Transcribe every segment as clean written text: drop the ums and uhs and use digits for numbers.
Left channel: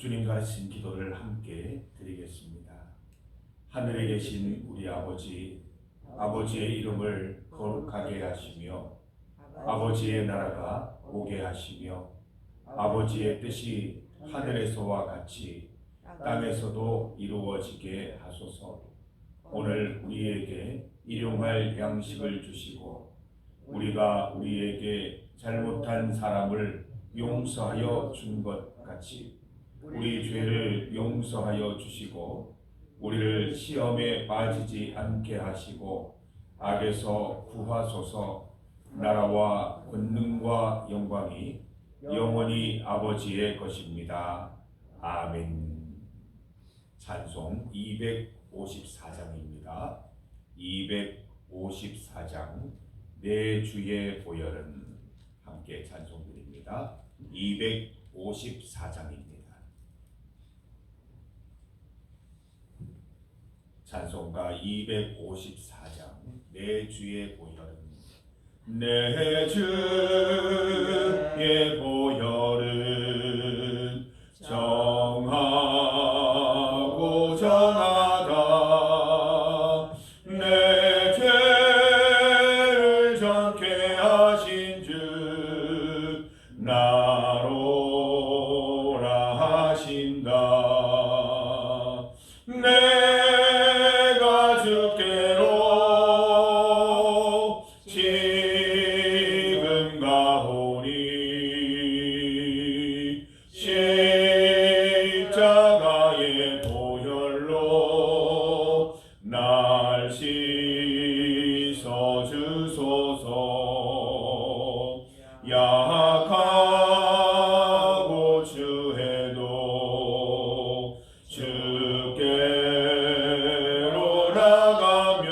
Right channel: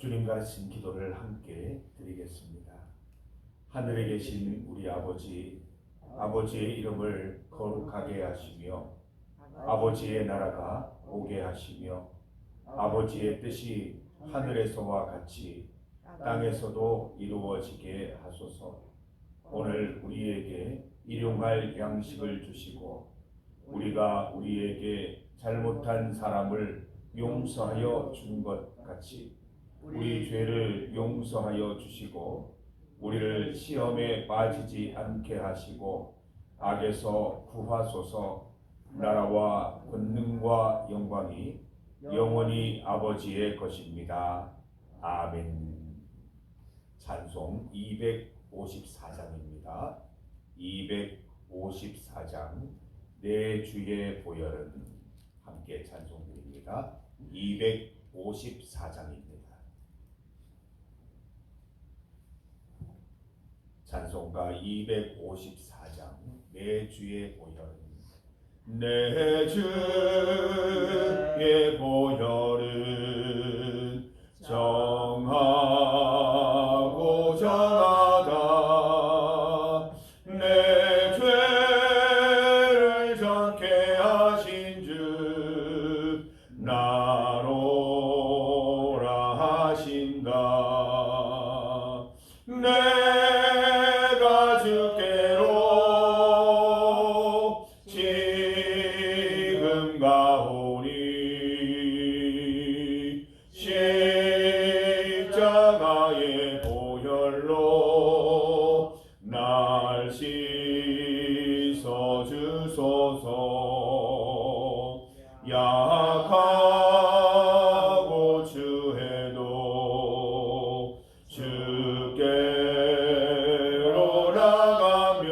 주님과 신기도를 함께 드리겠습니다. 하늘에 계신 우리 아버지, 아버지의 이름을 거룩하게 하시며 아버지의 나라가 오게 하시며 아버지의 뜻이 하늘에서와 같이 땅에서도 이루어지게 하소서. 오늘 우리에게 일용할 양식을 주시고 우리가 우리에게 잘못한 사람을 용서하여 준 것 같이 우리 죄를 용서하여 주시고 우리를 시험에 빠지지 않게 하시고 악에서 구하소서. 나라와 권능과 영광이 영원히 아버지의 것입니다. 아멘. 찬송 254장입니다. 254장 내 주의 보혈은 함께 찬송드립니다. 254장입니다. 찬송가 254장 내 주의 보혈은 내 주의 보혈은 정하고 정하다. 내 죄를 정케 하신 주 나로라 하신다. 내가 주께로 지금 가오니 십자가의 보혈로 날 씻어 주소서. 약하고 추해도 주께로 나가면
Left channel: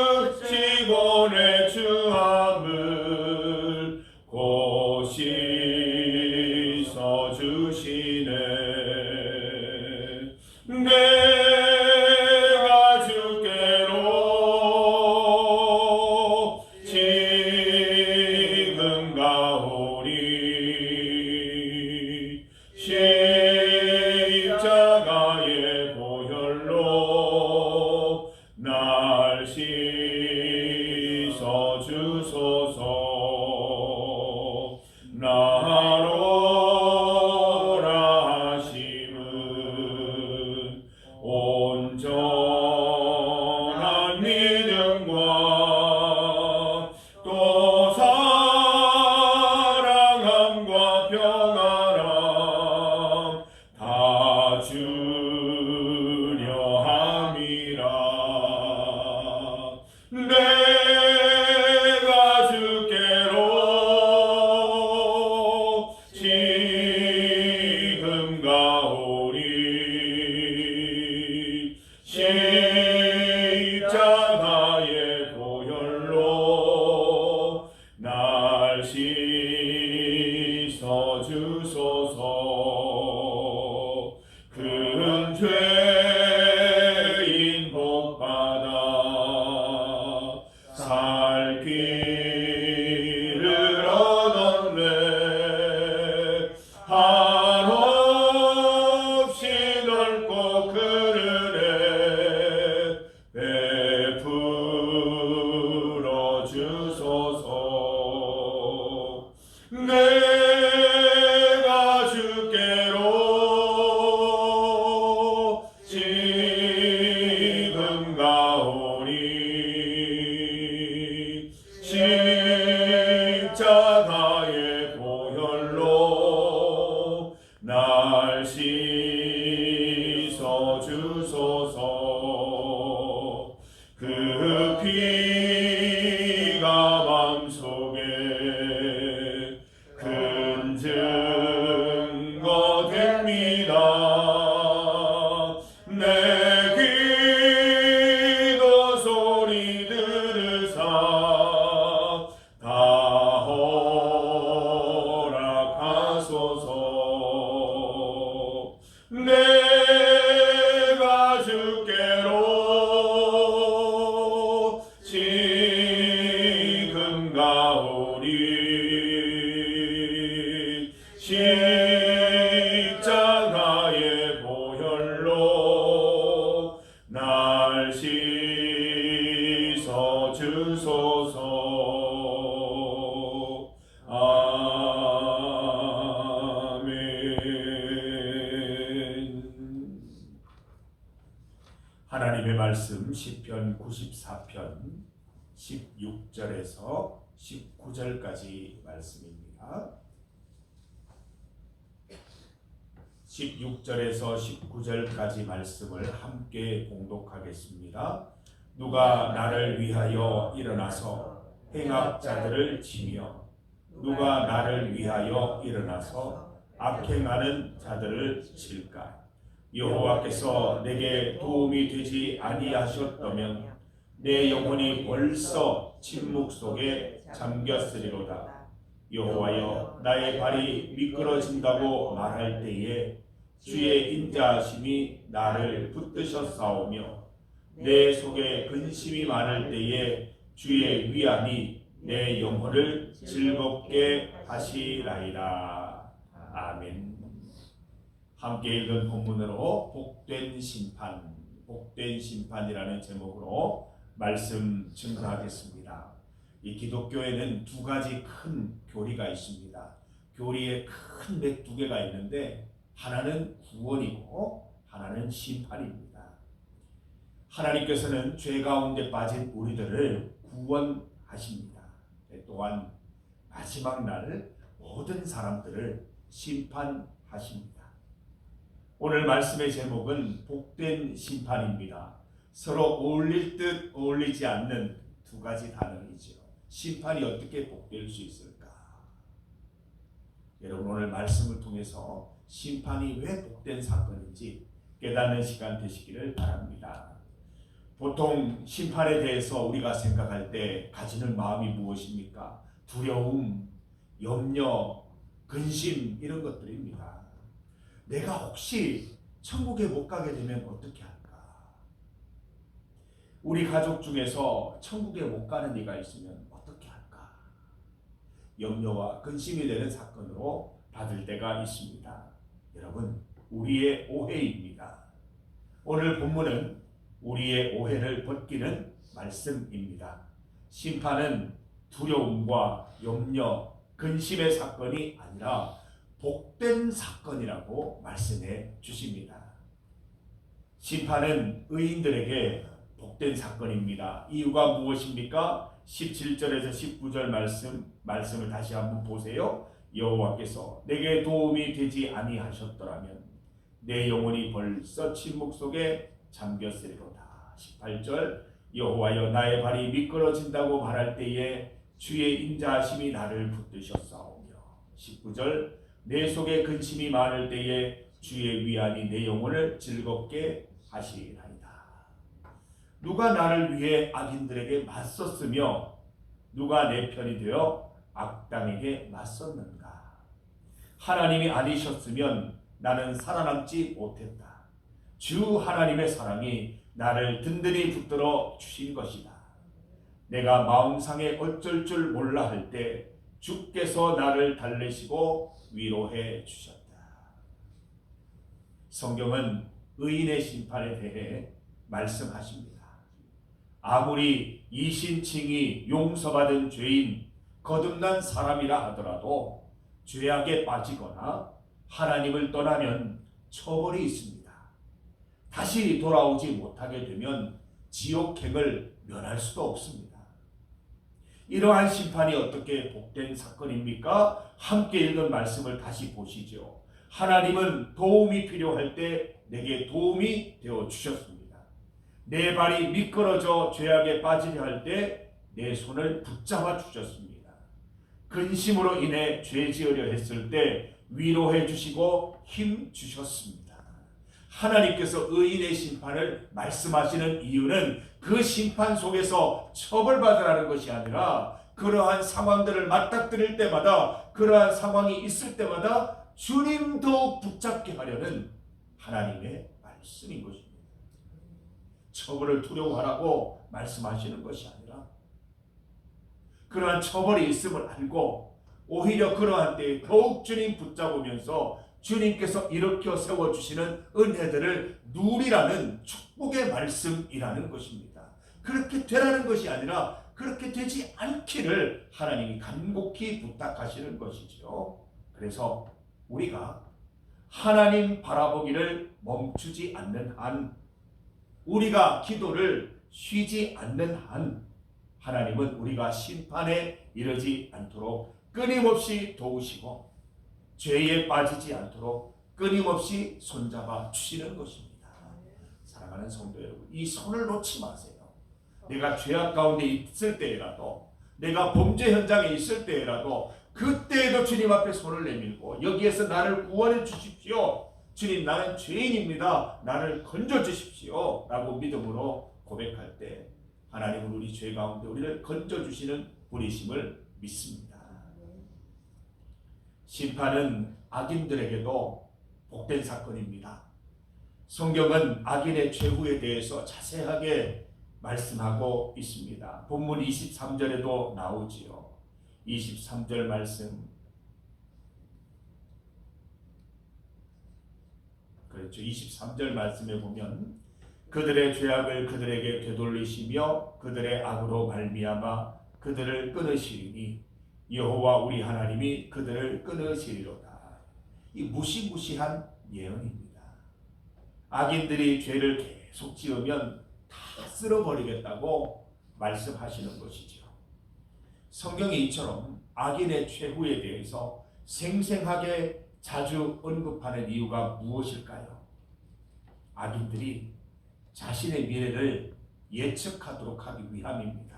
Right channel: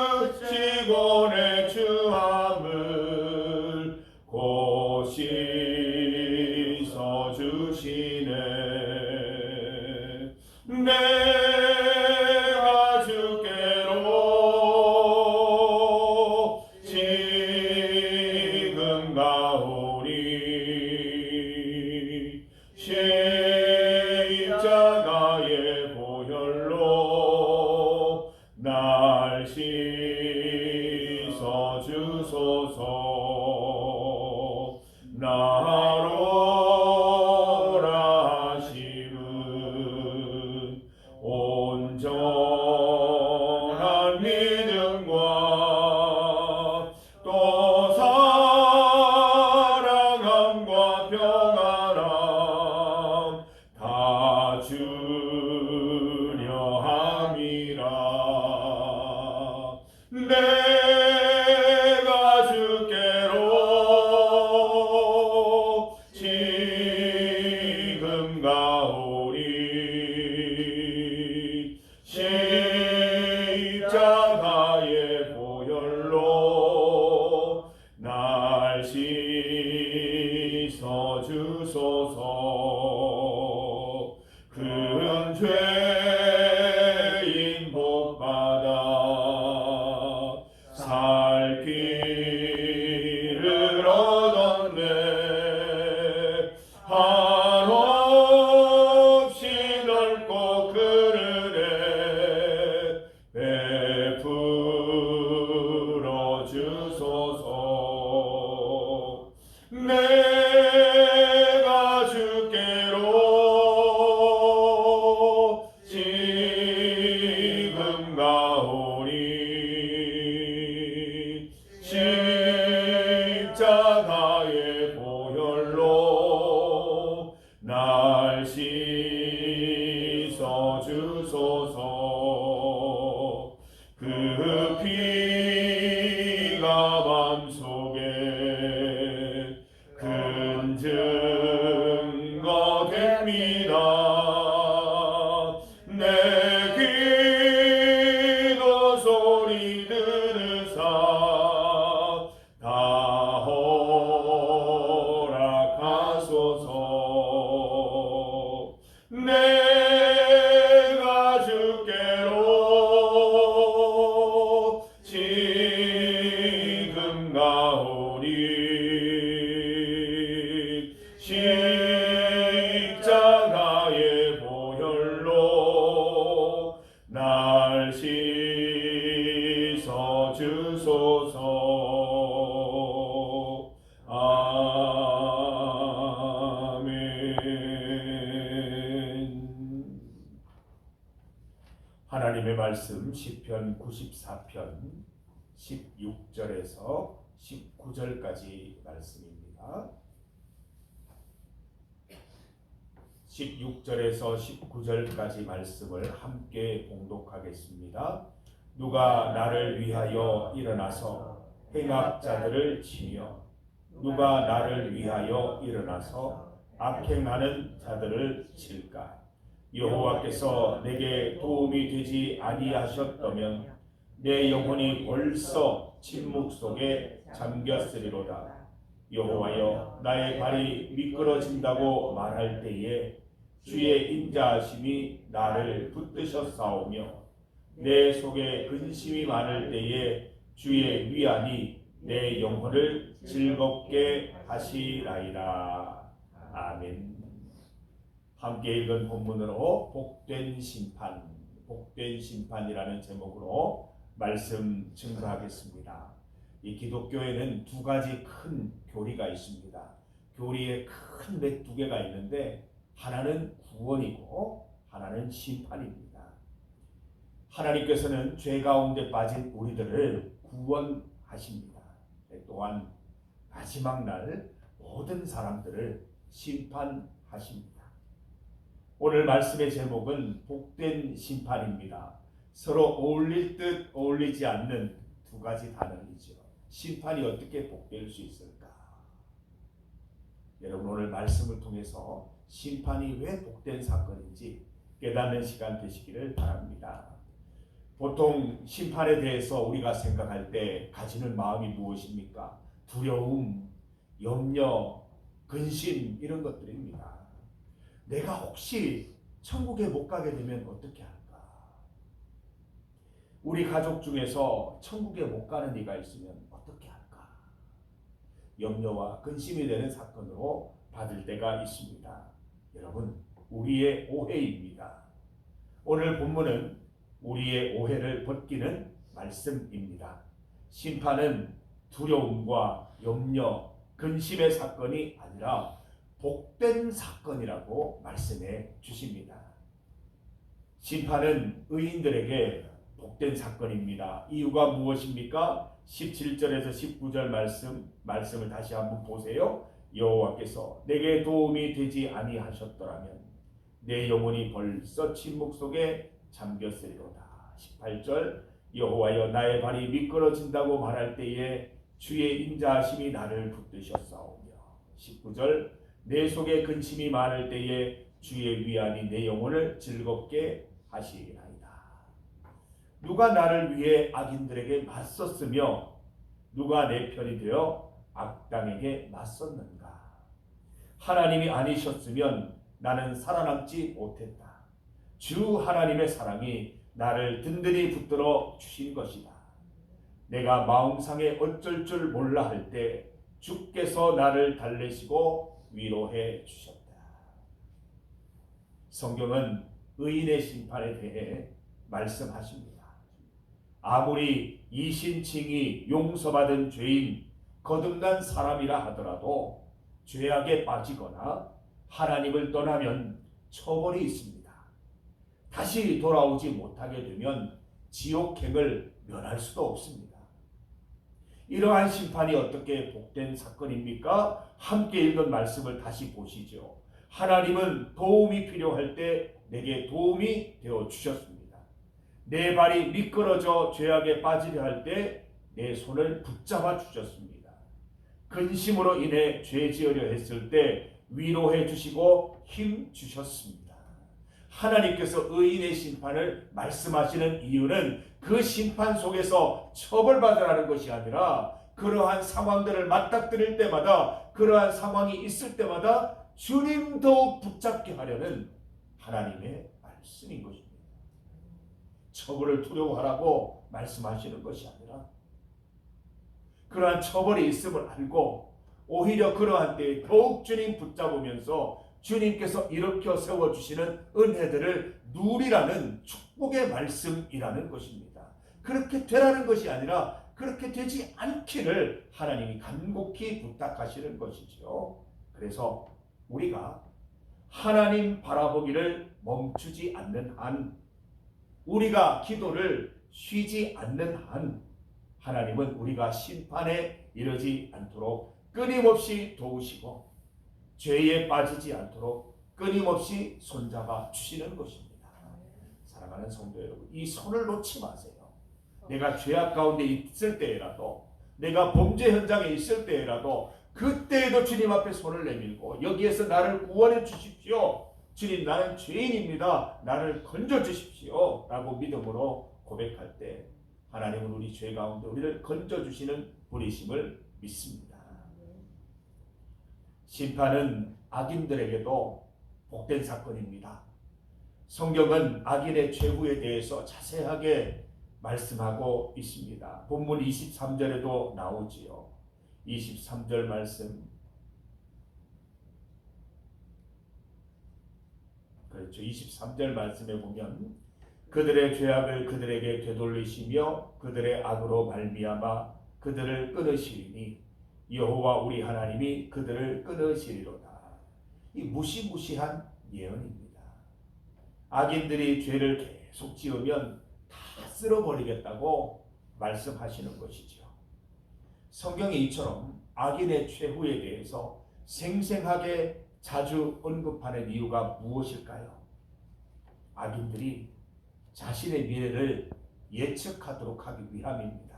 인주시고 내 주함을 곧 씻어 주시네. 내가 주께로 지금 가오니 십자가의 보혈로 날 씻어 주소서. 나로라 하심은 온전한 믿음과 또 사랑함과 평안함 다 주려 함이라. 내가 주께로 지금 가오니 십자가의 보혈로 날 씻어 주소서. 큰 죄인 복받아 살 길을 얻었네. 한없이 넓고 큰 은혜 베풀어 주소서. 말씀 시편 94편 16절에서 19절까지 말씀입니다. 16절에서 19절까지 말씀을 함께 봉독하겠습니다. 누가 나를 위하여 일어나서 행악자들을 치며 누가 나를 위하여 일어나서 악행하는 자들을 칠까? 여호와께서 내게 도움이 되지 아니하셨다면 내 영혼이 벌써 침묵 속에 잠겼으리로다. 여호와여, 나의 발이 미끄러진다고 말할 때에 주의 인자하심이 나를 붙드셨사오며 내 속에 근심이 많을 때에 주의 위안이 내 영혼을 즐겁게 하시라이다. 아멘. 함께 읽은 본문으로 복된 심판이라는 제목으로 말씀 증거하겠습니다. 이 기독교에는 두 가지 큰 교리가 있습니다. 교리에 큰 맥 두 개가 있는데 하나는 구원이고 하나는 심판입니다. 하나님께서는 죄 가운데 빠진 우리들을 구원하십니다. 또한 마지막 날 모든 사람들을 심판하십니다. 오늘 말씀의 제목은 복된 심판입니다. 서로 어울릴 듯 어울리지 않는 두 가지 단어이죠. 심판이 어떻게 복될 수 있을까? 여러분, 오늘 말씀을 통해서 심판이 왜 복된 사건인지 깨닫는 시간 되시기를 바랍니다. 보통 심판에 대해서 우리가 생각할 때 가지는 마음이 무엇입니까? 두려움, 염려, 근심 이런 것들입니다. 내가 혹시 천국에 못 가게 되면 어떻게 할까? 우리 가족 중에서 천국에 못 가는 이가 있으면 어떻게 할까? 염려와 근심이 되는 사건으로 받을 때가 있습니다. 여러분, 우리의 오해입니다. 오늘 본문은 우리의 오해를 벗기는 말씀입니다. 심판은 두려움과 염려, 근심의 사건이 아니라 복된 사건이라고 말씀해 주십니다. 심판은 의인들에게 복된 사건입니다. 이유가 무엇입니까? 17절에서 19절 말씀을 다시 한번 보세요. 여호와께서 내게 도움이 되지 아니하셨더라면 내 영혼이 벌써 침묵 속에 잠겼으리로다. 18절 여호와여, 나의 발이 미끄러진다고 말할 때에 주의 인자하심이 나를 붙드셨사오며 19절 내 속에 근심이 많을 때에 주의 위안이 내 영혼을 즐겁게 하시리라. 누가 나를 위해 악인들에게 맞섰으며 누가 내 편이 되어 악당에게 맞섰는가? 하나님이 아니셨으면 나는 살아남지 못했다. 주 하나님의 사랑이 나를 든든히 붙들어 주신 것이다. 내가 마음상에 어쩔 줄 몰라 할 때 주께서 나를 달래시고 위로해 주셨다. 성경은 의인의 심판에 대해 말씀하십니다. 아무리 이신칭이 용서받은 죄인, 거듭난 사람이라 하더라도 죄악에 빠지거나 하나님을 떠나면 처벌이 있습니다. 다시 돌아오지 못하게 되면 지옥행을 면할 수도 없습니다. 이러한 심판이 어떻게 복된 사건입니까? 함께 읽은 말씀을 다시 보시죠. 하나님은 도움이 필요할 때 내게 도움이 되어 주셨습니다. 내 발이 미끄러져 죄악에 빠지려 할 때 내 손을 붙잡아 주셨습니다. 근심으로 인해 죄 지으려 했을 때 위로해 주시고 힘 주셨습니다. 하나님께서 의인의 심판을 말씀하시는 이유는 그 심판 속에서 처벌받으라는 것이 아니라 그러한 상황들을 맞닥뜨릴 때마다, 그러한 상황이 있을 때마다 주님 더욱 붙잡게 하려는 하나님의 말씀인 것입니다. 처벌을 두려워하라고 말씀하시는 것이 아니라 그러한 처벌이 있음을 알고 오히려 그러한 때에 더욱 주님 붙잡으면서 주님께서 일으켜 세워주시는 은혜들을 누리라는 축복의 말씀이라는 것입니다. 그렇게 되라는 것이 아니라 그렇게 되지 않기를 하나님이 간곡히 부탁하시는 것이죠. 그래서 우리가 하나님 바라보기를 멈추지 않는 한 우리가 기도를 쉬지 않는 한 하나님은 우리가 심판에 이르지 않도록 끊임없이 도우시고 죄에 빠지지 않도록 끊임없이 손잡아 주시는 것입니다. 사랑하는 성도 여러분, 이 손을 놓지 마세요. 내가 죄악 가운데 있을 때라도, 내가 범죄 현장에 있을 때라도, 그때에도 주님 앞에 손을 내밀고 여기에서 나를 구원해 주십시오. 주님, 나는 죄인입니다. 나를 건져 주십시오. 라고 믿음으로 고백할 때 하나님은 우리 죄 가운데 우리를 건져 주시는 분이심을 믿습니다. 심판은 악인들에게도 복된 사건입니다. 성경은 악인의 최후에 대해서 자세하게 말씀하고 있습니다. 본문 23절에도 나오지요. 23절 말씀, 그렇죠. 23절 말씀에 보면 그들의 죄악을 그들에게 되돌리시며 그들의 악으로 말미암아 그들을 끊으시리니 여호와 우리 하나님이 그들을 끊으시리로다. 이 무시무시한 예언입니다. 악인들이 죄를 계속 지으면 다 쓸어버리겠다고 말씀하시는 것이죠. 성경이 이처럼 악인의 최후에 대해서 생생하게 자주 언급하는 이유가 무엇일까요? 악인들이 자신의 미래를 예측하도록 하기 위함입니다.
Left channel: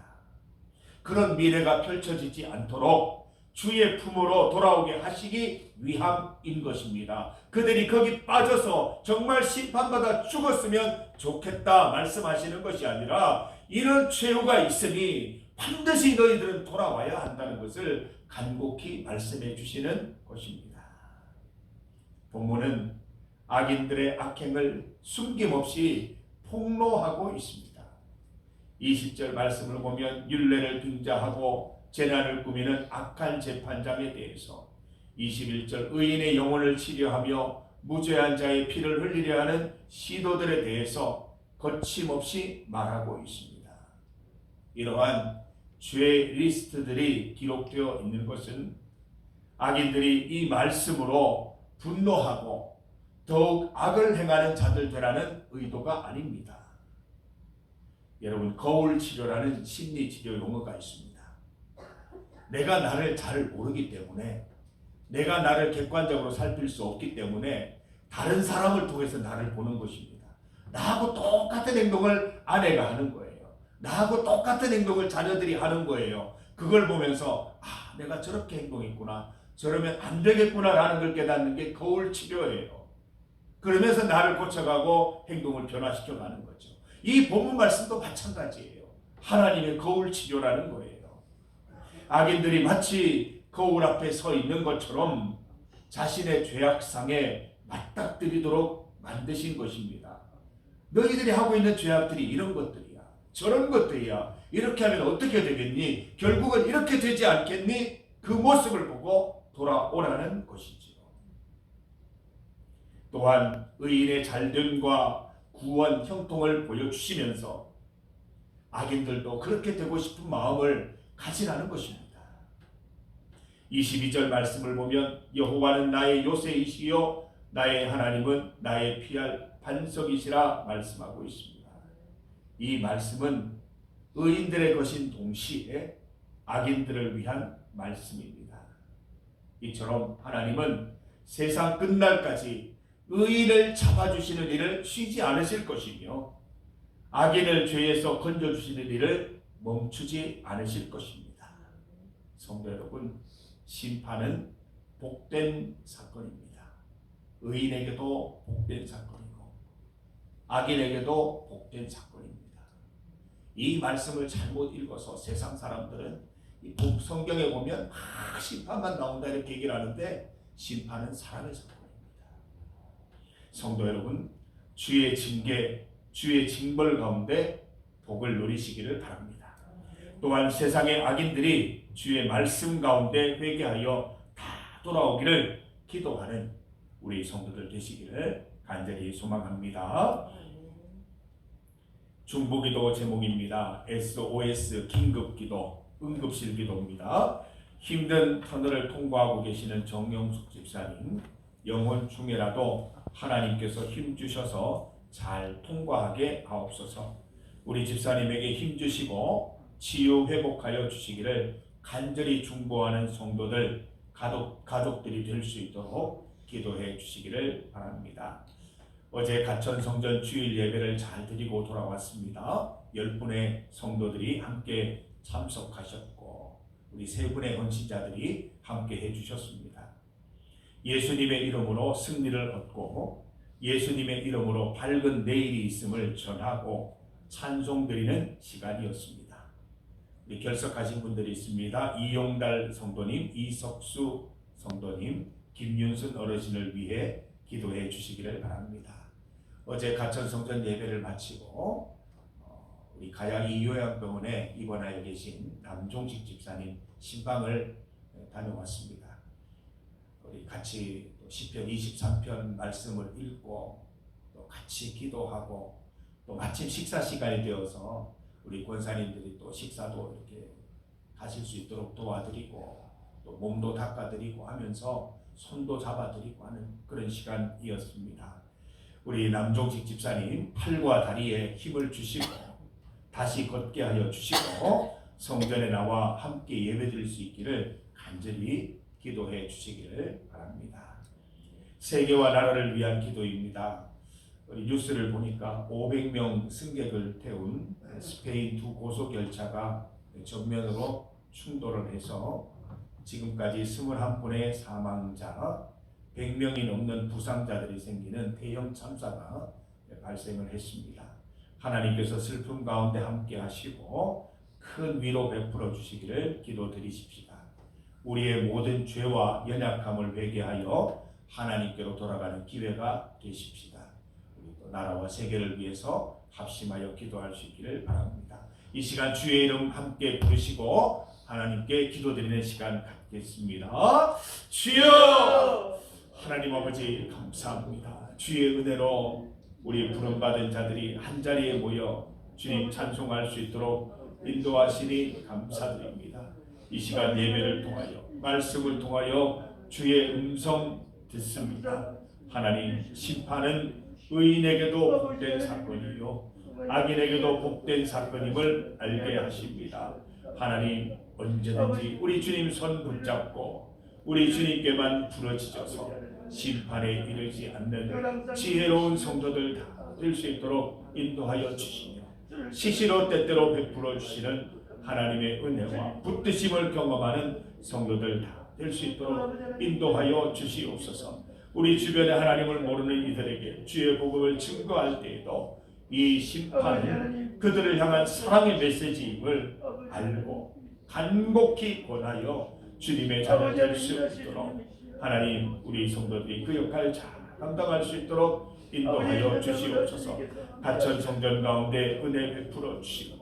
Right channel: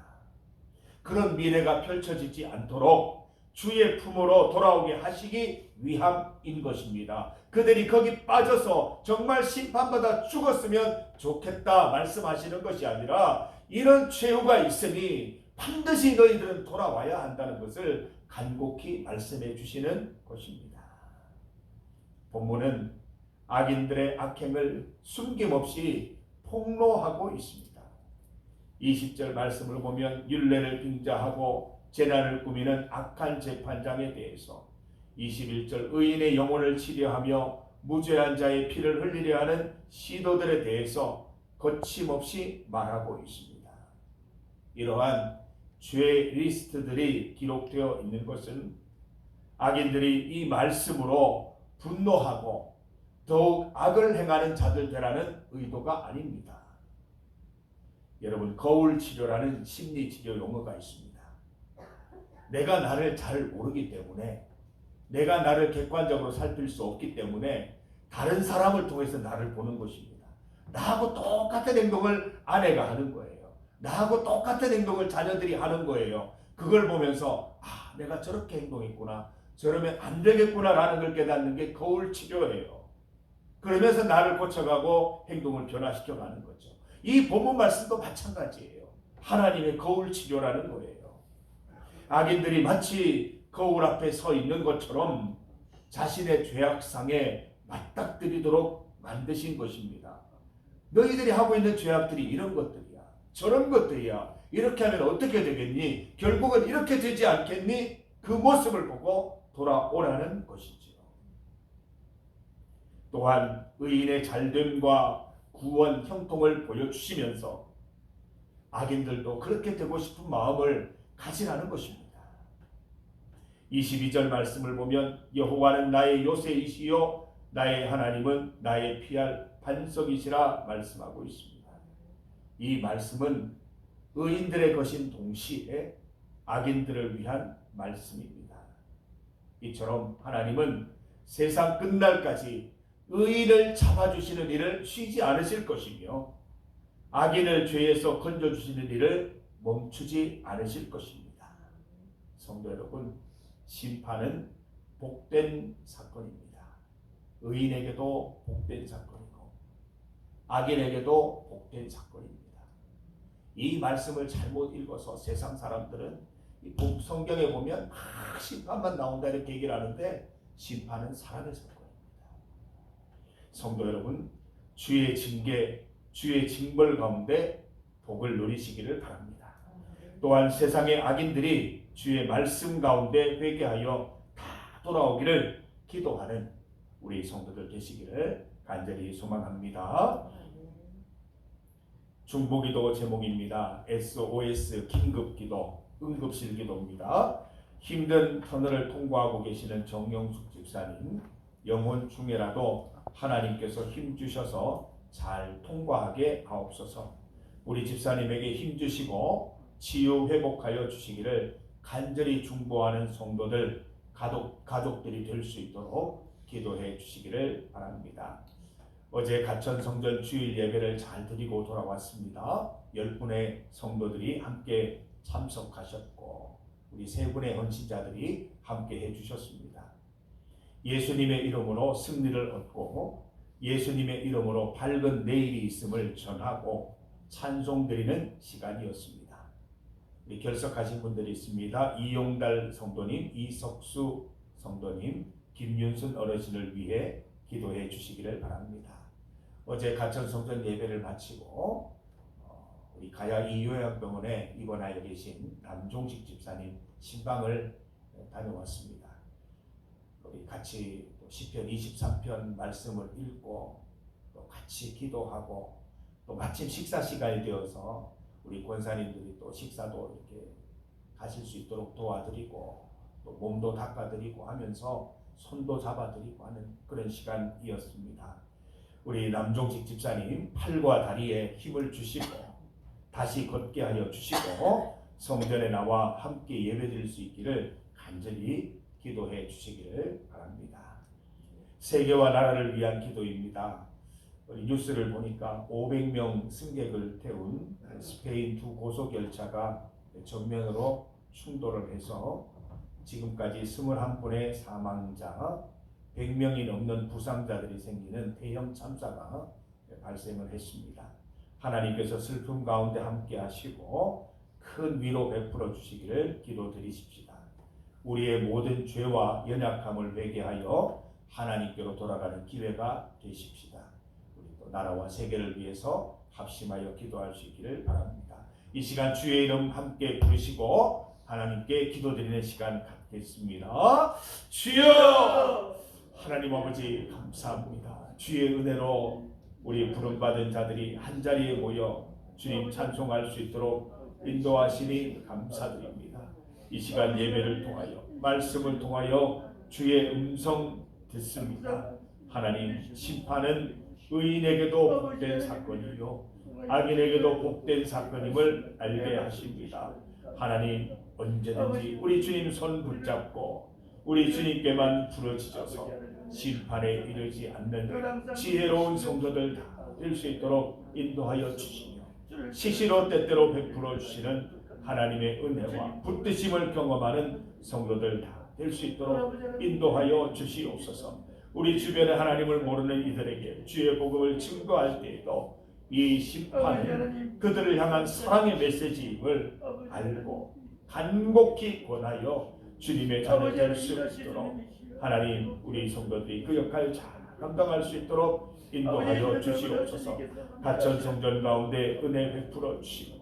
그런 미래가 펼쳐지지 않도록 주의 품으로 돌아오게 하시기 위함인 것입니다. 그들이 거기 빠져서 정말 심판받아 죽었으면 좋겠다 말씀하시는 것이 아니라 이런 최후가 있으니 반드시 너희들은 돌아와야 한다는 것을 간곡히 말씀해 주시는 것입니다. 본문은 악인들의 악행을 숨김없이 폭로하고 있습니다. 20절 말씀을 보면 율례를 빙자하고 재난을 꾸미는 악한 재판장에 대해서, 21절 의인의 영혼을 치려하며 무죄한 자의 피를 흘리려 하는 시도들에 대해서 거침없이 말하고 있습니다. 이러한 죄 리스트들이 기록되어 있는 것은 악인들이 이 말씀으로 분노하고 더욱 악을 행하는 자들 되라는 의도가 아닙니다. 여러분, 거울 치료라는 심리 치료 용어가 있습니다. 내가 나를 잘 모르기 때문에, 내가 나를 객관적으로 살필 수 없기 때문에 다른 사람을 통해서 나를 보는 것입니다. 나하고 똑같은 행동을 아내가 하는 거예요. 나하고 똑같은 행동을 자녀들이 하는 거예요. 그걸 보면서 내가 저렇게 행동했구나, 저러면 안 되겠구나라는 걸 깨닫는 게 거울 치료예요. 그러면서 나를 고쳐가고 행동을 변화시켜가는 거죠. 이 본문 말씀도 마찬가지예요. 하나님의 거울 치료라는 거예요. 악인들이 마치 거울 앞에 서 있는 것처럼 자신의 죄악상에 맞닥뜨리도록 만드신 것입니다. 너희들이 하고 있는 죄악들이 이런 것들이야, 저런 것들이야, 이렇게 하면 어떻게 되겠니? 결국은 이렇게 되지 않겠니? 그 모습을 보고 돌아오라는 것이지요. 또한 의인의 잘됨과 구원 형통을 보여주시면서 악인들도 그렇게 되고 싶은 마음을 가지라는 것입니다. 22절 말씀을 보면 여호와는 나의 요새이시요 나의 하나님은 나의 피할 반석이시라 말씀하고 있습니다. 이 말씀은 의인들의 것인 동시에 악인들을 위한 말씀입니다. 이처럼 하나님은 세상 끝날까지 의인을 잡아주시는 일을 쉬지 않으실 것이며 악인을 죄에서 건져주시는 일을 멈추지 않으실 것입니다. 성도 여러분, 심판은 복된 사건입니다. 의인에게도 복된 사건이고 악인에게도 복된 사건입니다. 이 말씀을 잘못 읽어서 세상 사람들은 이 성경에 보면 심판만 나온다 이렇게 얘기를 하는데 심판은 사람의 사건입니다. 성도 여러분, 주의 징계, 주의 징벌 가운데 복을 누리시기를 바랍니다. 또한 세상의 악인들이 주의 말씀 가운데 회개하여 다 돌아오기를 기도하는 우리 성도들 되시기를 간절히 소망합니다. 중보기도 제목입니다. SOS 긴급기도, 응급실 기도입니다. 힘든 터널을 통과하고 계시는 정영숙 집사님, 영혼 중에라도 하나님께서 힘주셔서 잘 통과하게 하옵소서. 우리 집사님에게 힘주시고 치유 회복하여 주시기를 간절히 중보하는 성도들 가족들이 될 수 있도록 기도해 주시기를 바랍니다. 어제 가천성전 주일 예배를 잘 드리고 돌아왔습니다. 10분의 성도들이 함께 참석하셨고 우리 3분의 헌신자들이 함께 해주셨습니다. 예수님의 이름으로 승리를 얻고 예수님의 이름으로 밝은 내일이 있음을 전하고 찬송드리는 시간이었습니다. 우리 결석하신 분들이 있습니다. 이용달 성도님, 이석수 성도님, 김윤순 어르신을 위해 기도해 주시기를 바랍니다. 어제 가천성전 예배를 마치고 우리 가야이 요양병원에 입원하여 계신 남종식 집사님 신방을 다녀왔습니다. 우리 같이 시편 23편 말씀을 읽고 또 같이 기도하고 또 마침 식사 시간이 되어서 우리 권사님들이 또 식사도 이렇게 가실 수 있도록 도와드리고 또 몸도 닦아드리고 하면서 손도 잡아드리고 하는 그런 시간이었습니다. 우리 남종식 집사님 팔과 다리에 힘을 주시고 다시 걷게 하여 주시고 성전에 나와 함께 예배드릴 수 있기를 간절히 기도해 주시기를 바랍니다. 세계와 나라를 위한 기도입니다. 우리 뉴스를 보니까 500명 승객을 태운 스페인 2 고속열차가 정면으로 충돌을 해서 지금까지 21분의 사망자, 100명이 넘는 부상자들이 생기는 대형 참사가 발생을 했습니다. 하나님께서 슬픔 가운데 함께 하시고 큰 위로 베풀어 주시기를 기도드리십시다. 우리의 모든 죄와 연약함을 회개하여 하나님께로 돌아가는 기회가 되십시다. 우리 또 나라와 세계를 위해서 합심하여 기도할 수 있기를 바랍니다. 이 시간 주의 이름 함께 부르시고 하나님께 기도드리는 시간 갖겠습니다. 주여! 하나님 아버지 감사합니다. 주의 은혜로 우리 부름받은 자들이 한자리에 모여 주님 찬송할 수 있도록 인도하시니 감사드립니다. 이 시간 예배를 통하여 말씀을 통하여 주의 음성 듣습니다. 하나님 심판은 의인에게도 복된 사건이요 악인에게도 복된 사건임을 알게 하십니다. 하나님 언제든지 우리 주님 손 붙잡고 우리 주님께만 부르짖어서 심판에 이르지 않는 지혜로운 성도들 다 될 수 있도록 인도하여 주시며 시시로 때때로 베풀어 주시는 하나님의 은혜와 붙드심을 경험하는 성도들 다 될 수 있도록 인도하여 주시옵소서. 우리 주변에 하나님을 모르는 이들에게 주의 복음을 증거할 때에도 이 심판은 그들을 향한 사랑의 메시지임을 알고 간곡히 권하여 주님의 자녀 될 수 있도록 하나님 우리 성도들이 그 역할 잘 감당할 수 있도록 인도하여 주시옵소서. 가천 성전 가운데 은혜 베풀어 주시고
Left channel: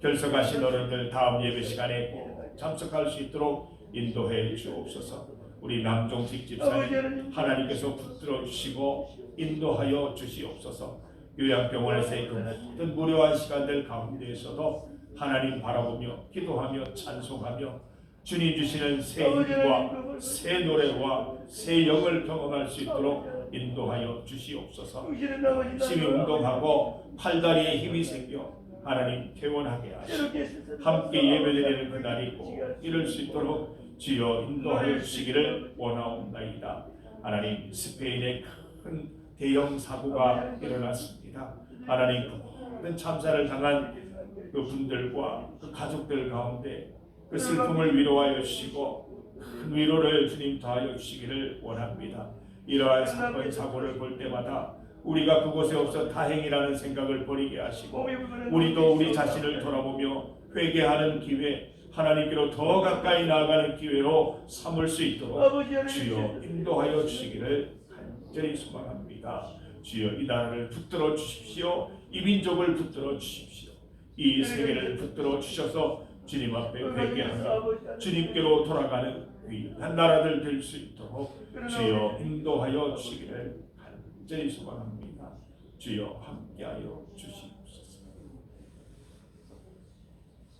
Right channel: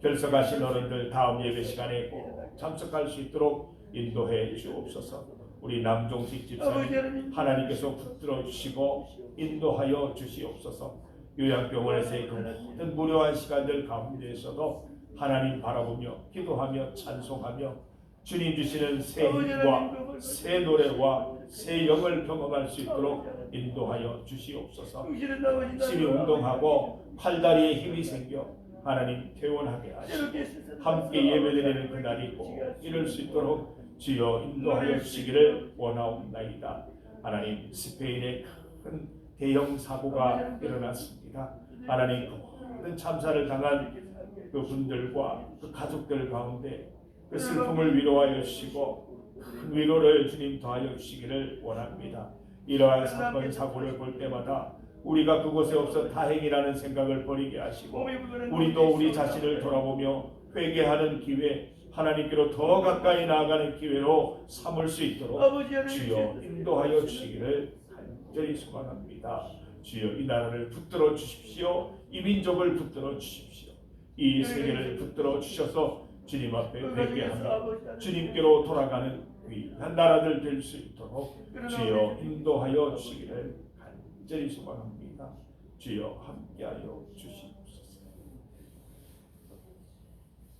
결석하신 어른들 다음 예배 시간에 꼭 참석할 수 있도록 인도해 주옵소서. 우리 남종식 집사님 하나님께서 붙들어 주시고 인도하여 주시옵소서. 요양병원에서의 그 모든 무료한 시간들 가운데에서도 하나님 바라보며 기도하며 찬송하며 주님 주시는 새 힘과 새 노래와 새 영을 경험할 수 있도록 인도하여 주시옵소서. 열심히 운동하고 팔다리에 힘이 생겨 하나님 개원하게 하시고 함께 예배드리는 그날이고 이럴 수 있도록 주여 인도하여 주시기를 원하옵나이다. 하나님 스페인에 큰 대형 사고가 일어났습니다. 하나님 큰 참사를 당한 그 분들과 그 가족들 가운데 그 슬픔을 위로하여 주시고 큰 위로를 주님 더하여 주시기를 원합니다. 이러한 사건 사고를 볼 때마다 우리가 그곳에 없어 다행이라는 생각을 버리게 하시고 우리도 우리 자신을 돌아보며 회개하는 기회, 하나님께로 더 가까이 나아가는 기회로 삼을 수 있도록 주여 인도하여 주시기를 간절히 소망합니다. 주여 이 나라를 붙들어 주십시오. 이 민족을 붙들어 주십시오. 이 세계를 붙들어 주셔서 주님 앞에 회개하며 주님께로 돌아가는 귀한 나라들 될 수 있도록 주여 인도하여 주시기를 간절히 소망합니다. 주여 함께하여 주시옵소서.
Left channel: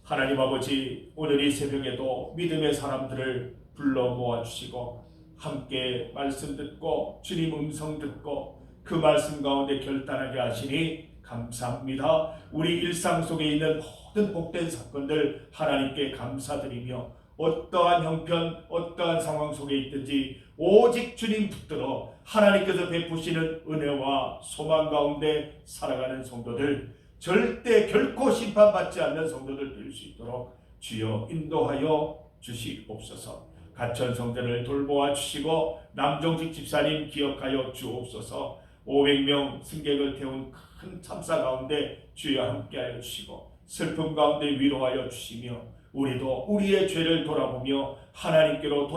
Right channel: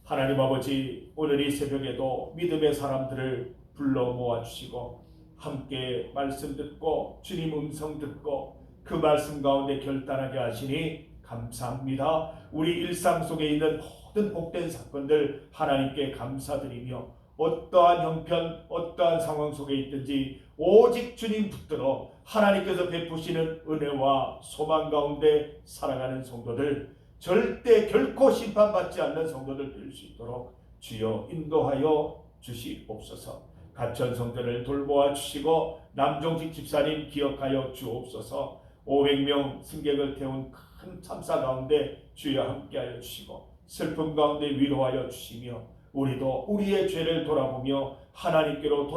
하나님 아버지 오늘 이 새벽에도 믿음의 사람들을 불러 모아주시고 함께 말씀 듣고 주님 음성 듣고 그 말씀 가운데 결단하게 하시니 감사합니다. 우리 일상 속에 있는 모든 복된 사건들 하나님께 감사드리며 어떠한 형편, 어떠한 상황 속에 있든지 오직 주님 붙들어 하나님께서 베푸시는 은혜와 소망 가운데 살아가는 성도들, 절대 결코 심판받지 않는 성도들 될 수 있도록 주여 인도하여 주시옵소서. 갇힌 성도를 돌보아 주시고 남종식 집사님 기억하여 주옵소서. 500명 승객을 태운 큰 참사 가운데 주여 함께하여 주시고 슬픔 가운데 위로하여 주시며 우리도 우리의 죄를 돌아보며 하나님께로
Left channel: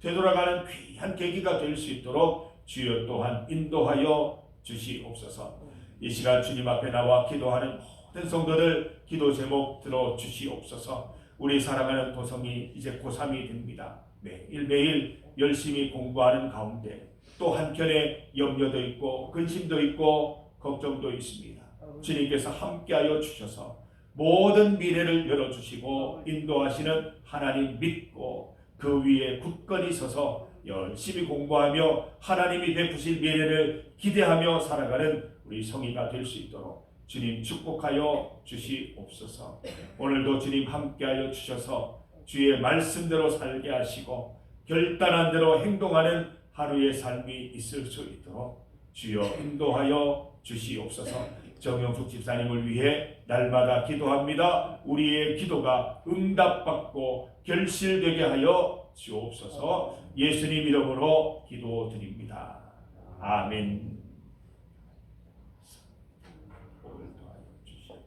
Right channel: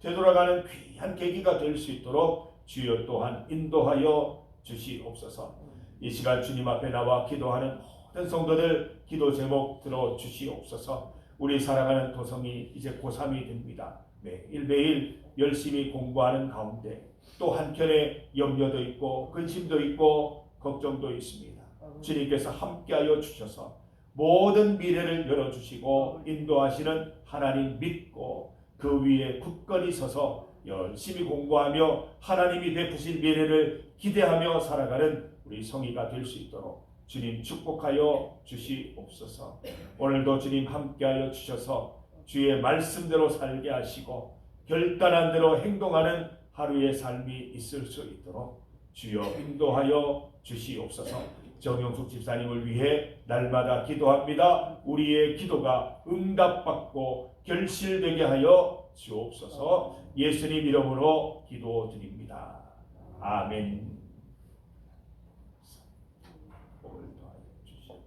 되돌아가는 귀한 계기가 될 수 있도록 주여 또한 인도하여 주시옵소서. 이 시간 주님 앞에 나와 기도하는 모든 성도들 기도 제목 들어 주시옵소서. 우리 사랑하는 도성이 이제 고3이 됩니다. 매일매일 열심히 공부하는 가운데 또 한켠에 염려도 있고 근심도 있고 걱정도 있습니다. 주님께서 함께하여 주셔서 모든 미래를 열어주시고 인도하시는 하나님 믿고 그 위에 굳건히 서서 열심히 공부하며 하나님이 베푸실 미래를 기대하며 살아가는 우리 성의가 될 수 있도록 주님 축복하여 주시옵소서. 오늘도 주님 함께하여 주셔서 주의 말씀대로 살게 하시고 결단한 대로 행동하는 하루의 삶이 있을 수 있도록 주여 인도하여 주시옵소서. 정영숙 집사님을 위해 날마다 기도합니다. 우리의 기도가 응답받고 결실되게 하여 주옵소서. 예수님 이름으로 기도드립니다. 아멘.